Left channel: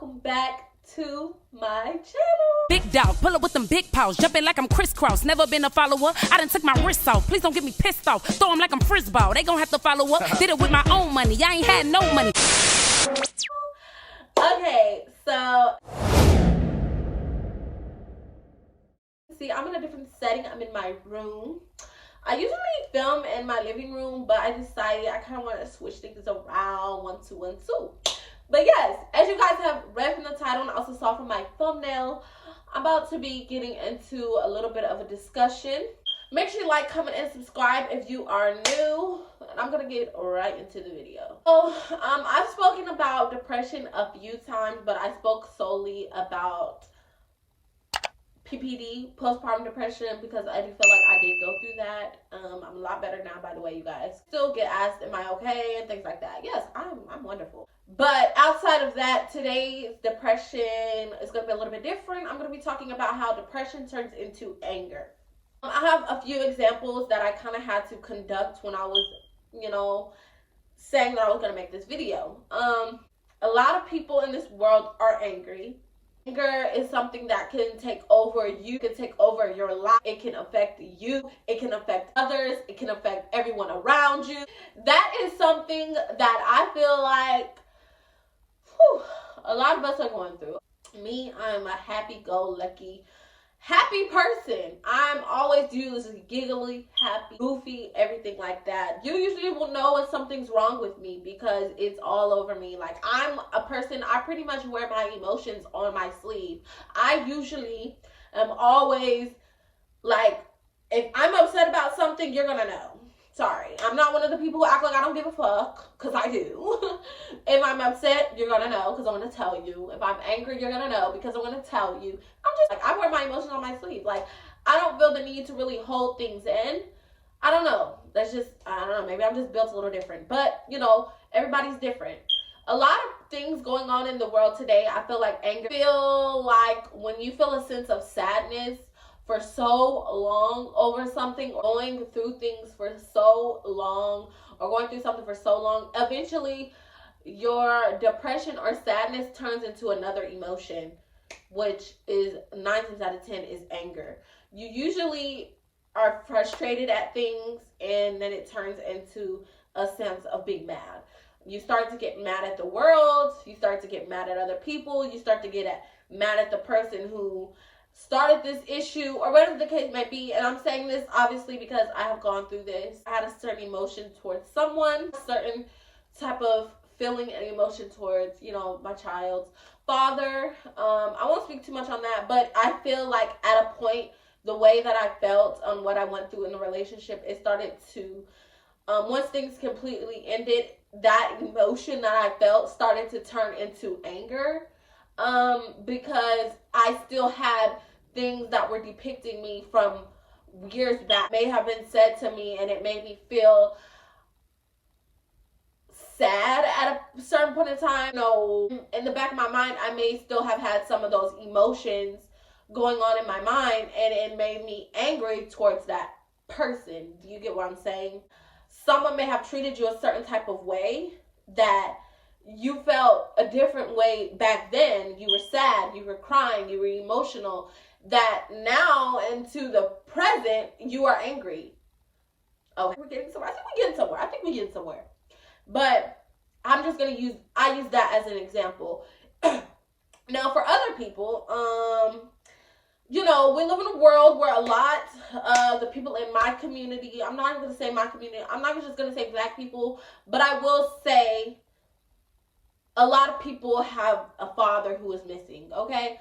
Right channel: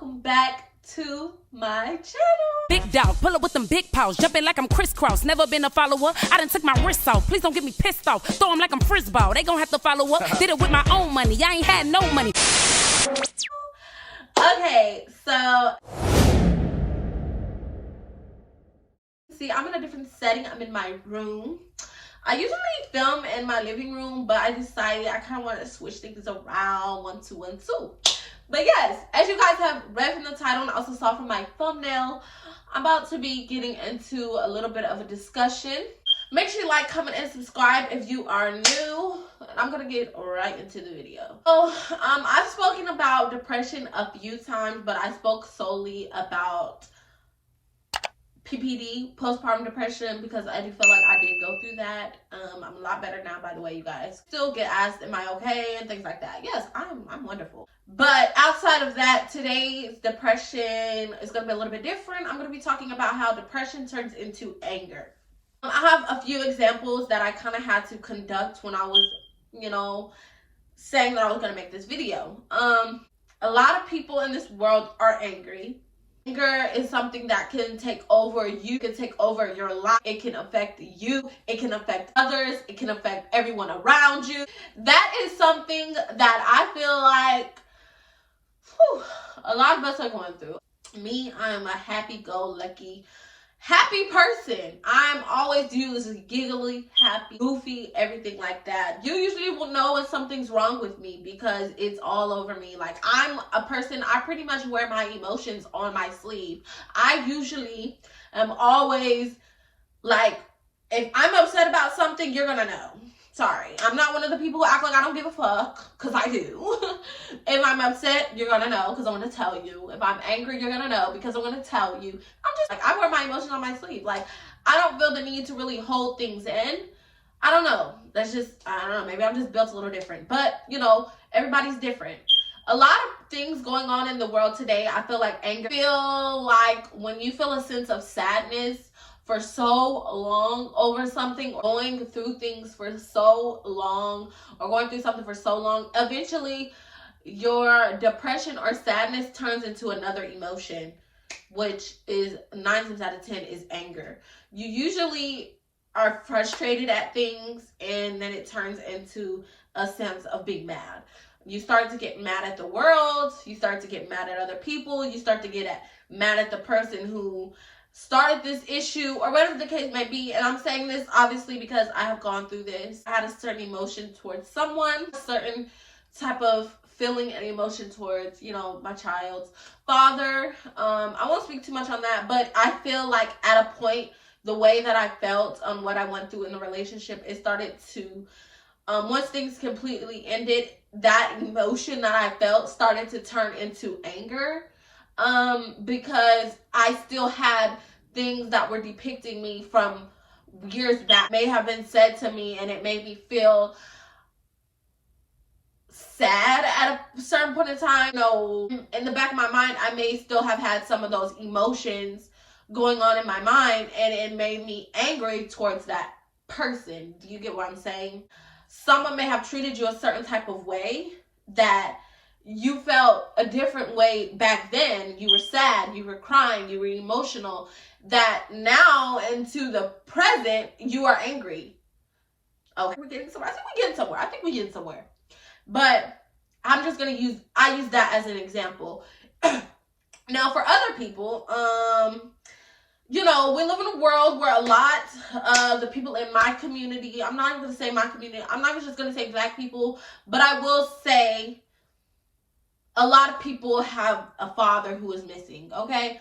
welcome back to my channel. Big dog, pull up with them big paws, jumping like I'm crisscross. Never been a follower, I done took my wrists off. Please don't get me pissed off, throw them like I'm frisball. They gon' have to follow up, did it with my own money. I ain't had no money. Okay, so see, I'm in a different setting. I'm in my room. I usually film in my living room, but I decided I kind of want to switch things around. 1 2 1 2. But yes, as you guys have read from the title and also saw from my thumbnail, I'm about to be getting into a little bit of a discussion. Make sure you like, comment, and subscribe if you are new. And I'm gonna get right into the video. So I've spoken about depression a few times, but I spoke solely about PPD, postpartum depression, because I do feel like I did go through that. I'm a lot better now, by the way, you guys. Still get asked, am I okay, and things like that. Yes, I'm wonderful. But outside of that, today's depression is going to be a little bit different. I'm going to be talking about how depression turns into anger. I have a few examples that I kind of had to conduct when I was, saying that I was going to make this video. A lot of people in this world are angry. Anger is something that can take over you, can take over your life. It can affect you, it can affect others, it can affect everyone around you. That is something that I feel like a lot of us are going through. Me, I'm a happy-go-lucky, happy person. I'm always usually giggly, happy, goofy, everything like that. You usually will know when something's wrong with me because it's all over me. Like, I'm a person, I pretty much wear my emotions on my sleeve. I usually am always like, if I'm upset about something, you're gonna know. Sorry, I'm not one of the people who act like I don't give a fuck, because I do. If I'm upset, you're gonna know, because I'm gonna tell you. If I'm angry, you're gonna know, because I'm gonna tell you. I'm just like, I wear my emotions on my sleeve. Like, I don't feel the need to really hold things in. I don't know. That's just, I don't know. Maybe I'm just built a little different. But, everybody's different. A lot of things going on in the world today, I feel like anger. I feel like when you feel a sense of sadness for so long over something, or going through things for so long, or going through something for so long, eventually your depression or sadness turns into another emotion, which is 9 times out of 10 is anger. You usually are frustrated at things, and then it turns into a sense of being mad. You start to get mad at the world, you start to get mad at other people, you start to get mad at the person who started this issue, or whatever the case may be. And I'm saying this obviously because I have gone through this. I had a certain emotion towards someone, a certain type of feeling and emotion towards, my child's father. I won't speak too much on that, but I feel like at a point, the way that I felt on what I went through in the relationship, it started to, once things completely ended, that emotion that I felt started to turn into anger. Because I still had things that were depicting me from years back, may have been said to me, and it made me feel sad at a certain point in time. In the back of my mind, I may still have had some of those emotions going on in my mind, and it made me angry towards that person. Do you get what I'm saying? Someone may have treated you a certain type of way that you felt a different way back then. You were sad, you were crying, you were emotional, that now into the present, you are angry. Okay, we're getting somewhere. I think we're getting somewhere. But I'm just going to I use that as an example. Now, for other people, we live in a world where a lot of the people in my community, I'm not even going to say my community, I'm not just going to say Black people, but I will say a lot of people have a father who is missing, okay?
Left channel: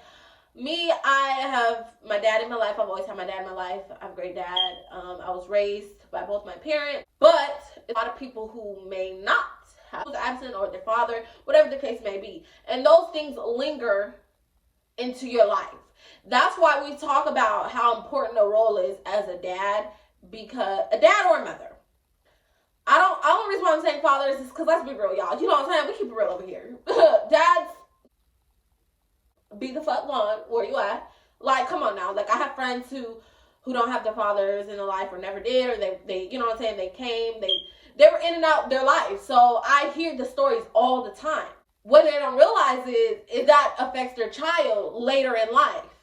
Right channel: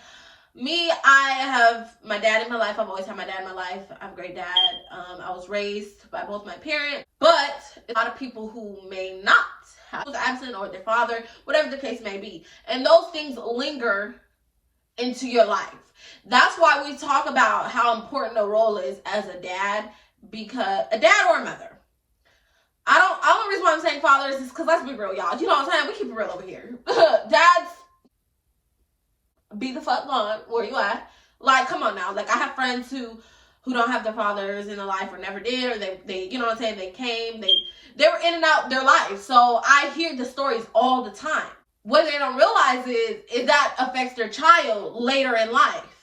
Me, I have my dad in my life. I've always had my dad in my life. I have a great dad. I was raised by both my parents, but a lot of people who may not have, who's absent, or their father, whatever the case may be. And those things linger into your life. That's why we talk about how important a role is as a dad, because a dad or a mother. The only reason why I'm saying fathers is because, let's be real, y'all. You know what I'm saying? We keep it real over here. Dads, be the fuck gone. Where you at? Like, come on now. Like, I have friends who don't have their fathers in their life, or never did, or they you know what I'm saying, they came, they were in and out their life. So I hear the stories all the time. what they don't realize is that affects their child later in life.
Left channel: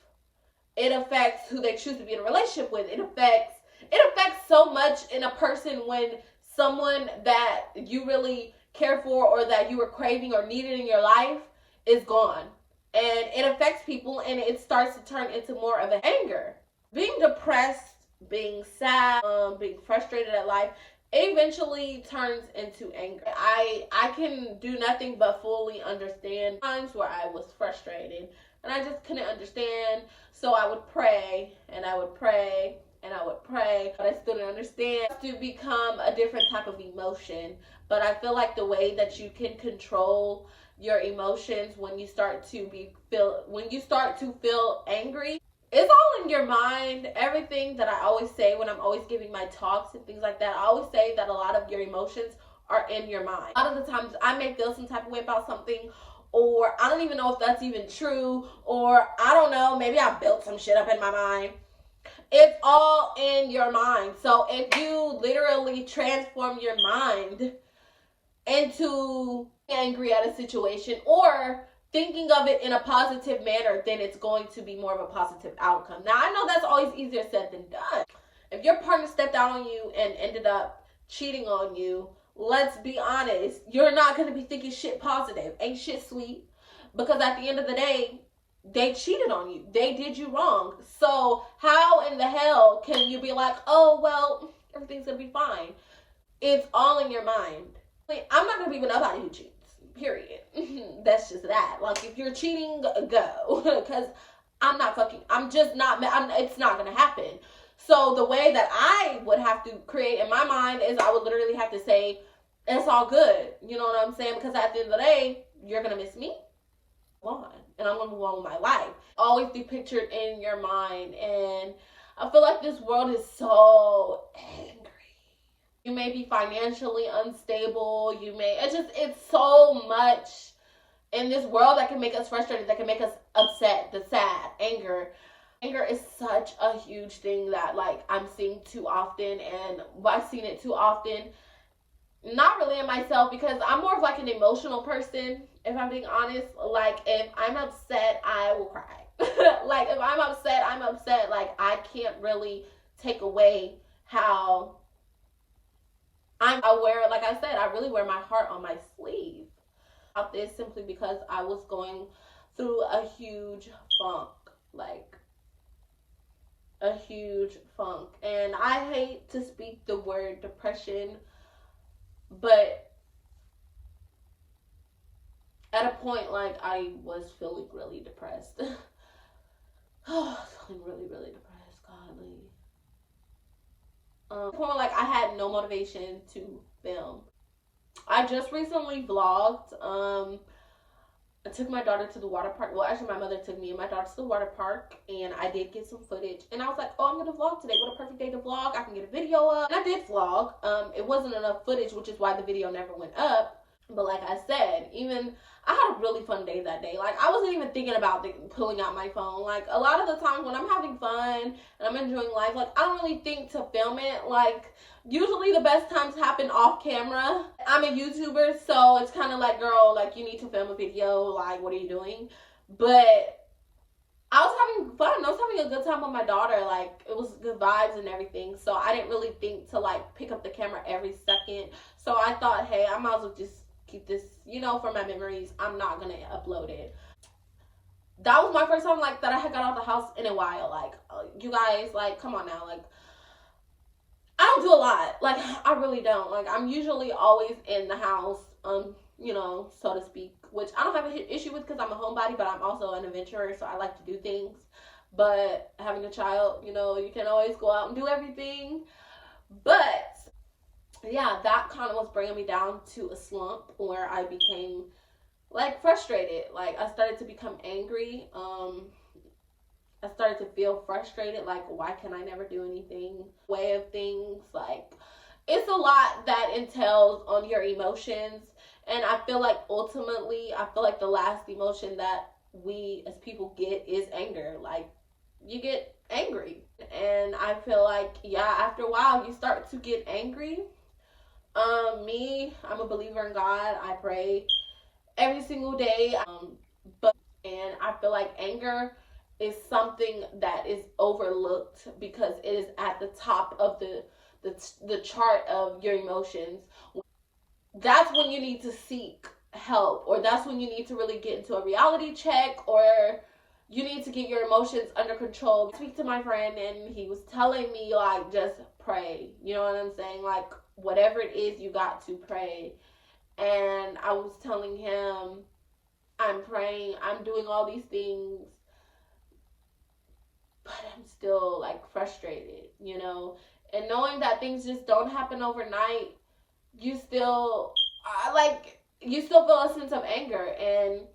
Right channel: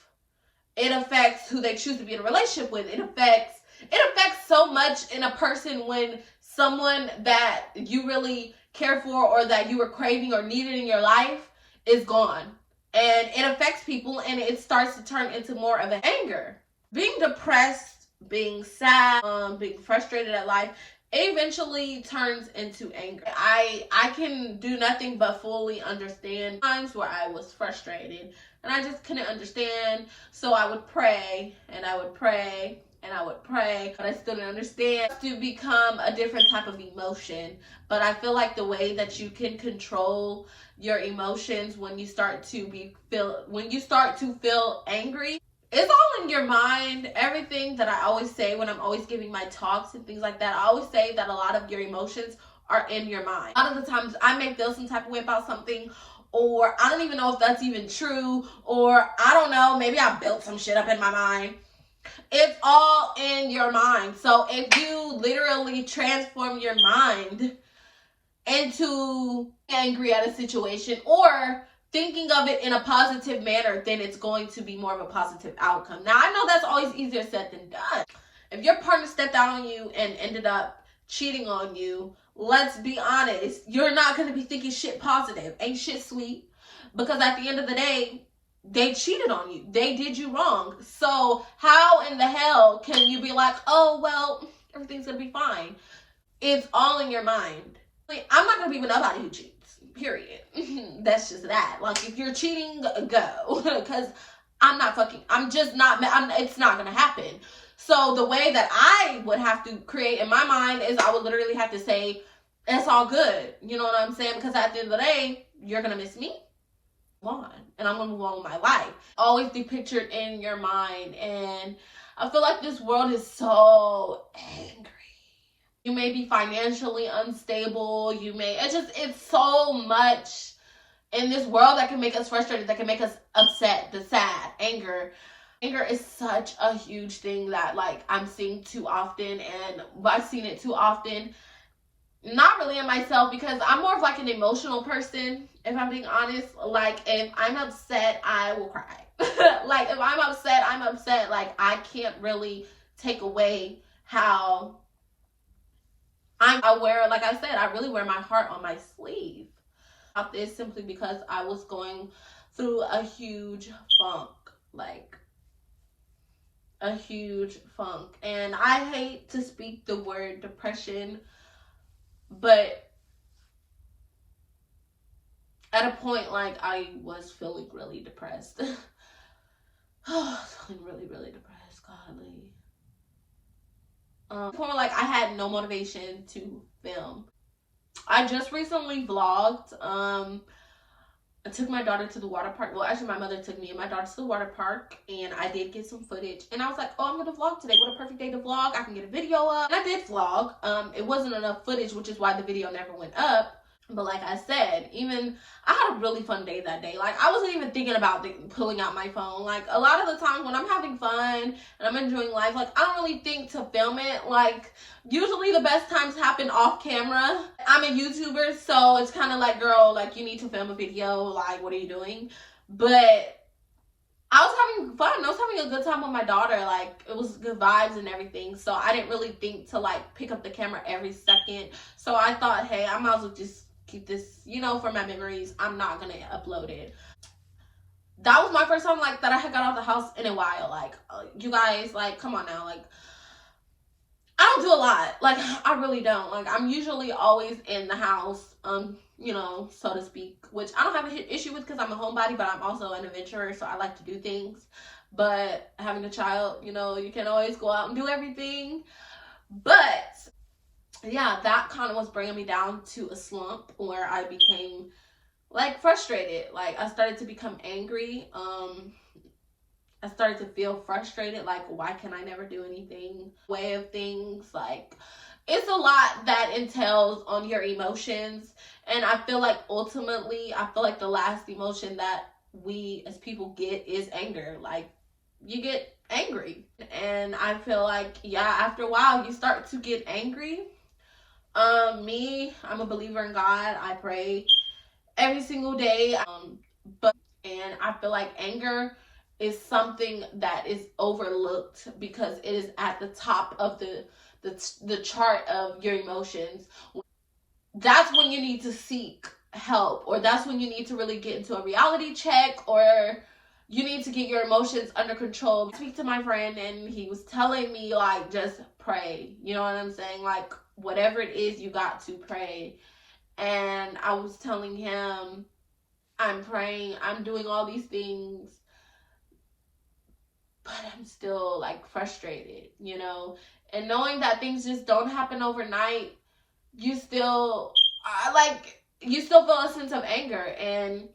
It affects who they choose to be in a relationship with. It affects so much in a person when someone that you really care for or that you were craving or needed in your life is gone. And it affects people, and it starts to turn into more of an anger. Being depressed, being sad, being frustrated at life, it eventually turns into anger. I can do nothing but fully understand times where I was frustrated and I just couldn't understand. So I would pray and I would pray and I would pray, but I still didn't understand. To become a different type of emotion. But I feel like the way that you can control your emotions when you start to feel angry, it's all in your mind. Everything that I always say when I'm always giving my talks and things like that, I always say that a lot of your emotions are in your mind. A lot of the times I may feel some type of way about something, or I don't even know if that's even true, or I don't know, maybe I built some shit up in my mind. It's all in your mind. So if you literally transform your mind into angry at a situation or thinking of it in a positive manner, then it's going to be more of a positive outcome. Now, I know that's always easier said than done. If your partner stepped out on you and ended up cheating on you, let's be honest, you're not going to be thinking shit positive. Ain't shit sweet. Because at the end of the day, they cheated on you. They did you wrong. So how in the hell can you be like, oh, well, everything's going to be fine? It's all in your mind. I'm not going to be with nobody who cheats. Period. That's just that. Like, if you're cheating, go. Because it's not going to happen. So the way that I would have to create in my mind is I would literally have to say, it's all good. You know what I'm saying? Because at the end of the day, you're going to miss me. On. And I'm going to move on with my life. Always be pictured in your mind. And I feel like this world is so angry. You may be financially unstable. It's so much in this world that can make us frustrated, that can make us upset, the sad, anger. Anger is such a huge thing that, like, I'm seeing too often, and I've seen it too often. Not really in myself, because I'm more of like an emotional person, if I'm being honest. Like, if I'm upset, I will cry. Like, if I'm upset, I'm upset. Like, I can't really take away how I'm aware. Like I said, I really wear my heart on my sleeve. This simply because I was going through a huge funk, like a huge funk. And I hate to speak the word depression, but at a point, like, I was feeling really depressed. Feeling really, really depressed, godly. Point, like, I had no motivation to film. I just recently vlogged. I took my daughter to the water park. Well, actually, my mother took me and my daughter to the water park, and I did get some footage. And I was like, oh, I'm gonna vlog today. What a perfect day to vlog. I can get a video up. And I did vlog. It wasn't enough footage, which is why the video never went up. But like I said, I had a really fun day that day. Like, I wasn't even thinking about pulling out my phone. Like, a lot of the times when I'm having fun and I'm enjoying life, like, I don't really think to film it. Like, usually the best times happen off camera. I'm a YouTuber, so it's kind of like, girl, like, you need to film a video. Like, what are you doing? But I was having fun. I was having a good time with my daughter. Like, it was good vibes and everything. So I didn't really think to, like, pick up the camera every second. So I thought, hey, I might as well just keep this, for my memories. I'm not gonna upload it. That was my first time, like, that I had got out of the house in a while. Like, you guys, like, come on now. Like, I don't do a lot. Like, I really don't. Like, I'm usually always in the house, so to speak, which I don't have an issue with because I'm a homebody, but I'm also an adventurer, so I like to do things. But having a child, you can't always go out and do everything. But yeah, that kind of was bringing me down to a slump where I became, like, frustrated. Like, I started to become angry. I started to feel frustrated. Like, why can I never do anything? Way of things. Like, it's a lot that entails on your emotions. And I feel like ultimately, the last emotion that we as people get is anger. Like, you get angry. And I feel like, yeah, after a while, you start to get angry. I'm a believer in God. I pray every single day. And I feel like anger is something that is overlooked because it is at the top of the chart of your emotions. That's when you need to seek help, or that's when you need to really get into a reality check, or you need to get your emotions under control. I speak to my friend and he was telling me, like, just pray. You know what I'm saying? Like, whatever it is, you got to pray. And I was telling him, I'm praying, I'm doing all these things, but I'm still like frustrated, you know? And knowing that things just don't happen overnight, you still feel a sense of anger. And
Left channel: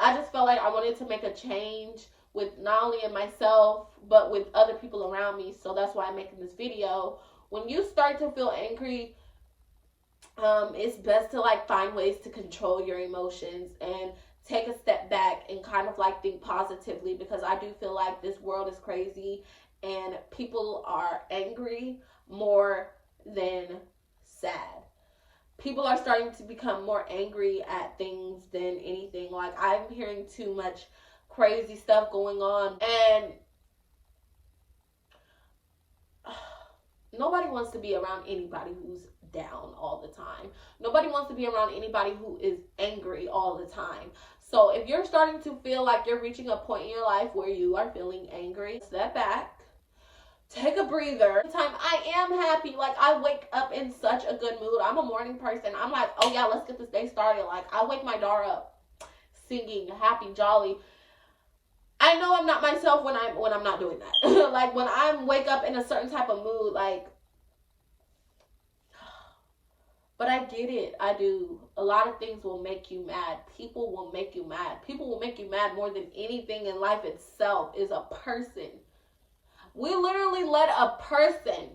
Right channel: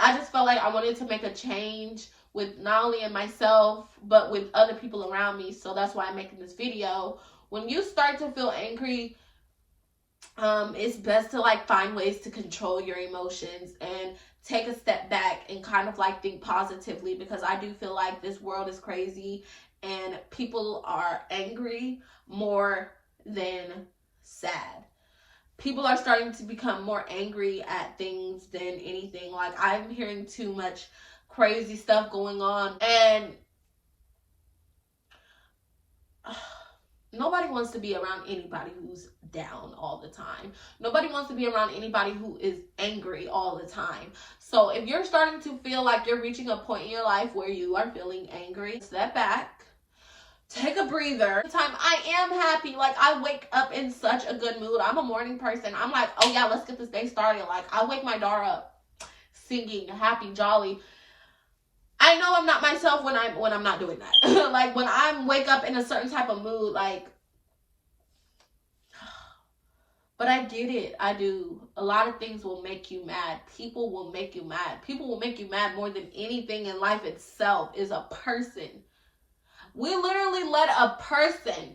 I just felt like I wanted to make a change with not only in myself, but with other people around me. So that's why I'm making this video. When you start to feel angry, it's best to like find ways to control your emotions and take a step back and kind of like think positively, because I do feel like this world is crazy and people are angry more than sad. People are starting to become more angry at things than anything. Like, I'm hearing too much crazy stuff going on, and nobody wants to be around anybody who's down all the time. Nobody wants to be around anybody who is angry all the time. So if you're starting to feel like you're reaching a point in your life where you are feeling angry, step back, take a breather. I am happy. Like, I wake up in such a good mood. I'm a morning person. I'm like, oh yeah, let's get this day started. Like, I wake my daughter up singing, happy, jolly. I know I'm not myself when I'm not doing that. Like, when I wake up in a certain type of mood, like, but I get it. I do. A lot of things will make you mad. People will make you mad. People will make you mad more than anything in life itself is a person. We literally let a person,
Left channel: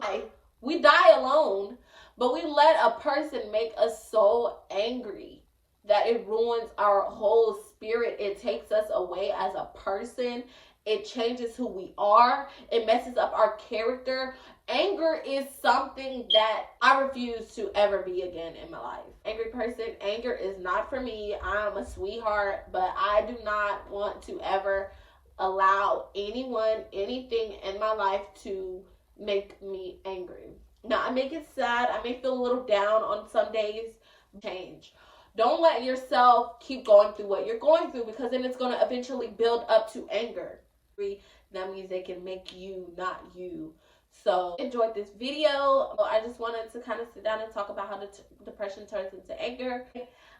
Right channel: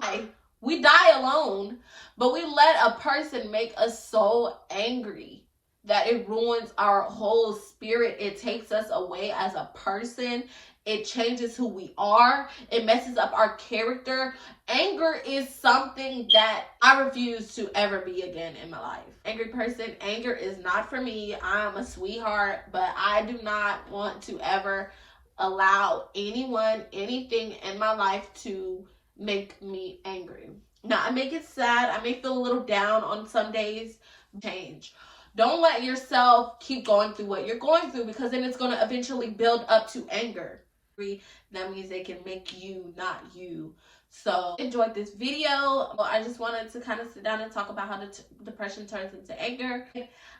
like, we die alone, but we let a person make us so angry that it ruins our whole spirit. It takes us away as a person. It changes who we are. It messes up our character. Anger is something that I refuse to ever be again in my life. Angry person, anger is not for me. I'm a sweetheart, but I do not want to ever allow anyone, anything in my life to make me angry. Now, I may get sad. I may feel a little down on some days. Change. Don't let yourself keep going through what you're going through, because then it's going to eventually build up to anger. That means they can make you not you. So, enjoyed this video. I just wanted to kind of sit down and talk about how depression turns into anger.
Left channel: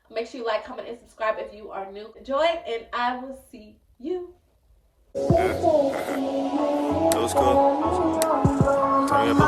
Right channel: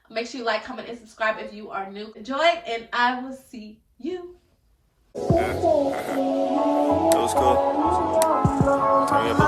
Make sure you like, comment, and subscribe if you are new. Enjoy, and I will see you. That was cool. Turn me up a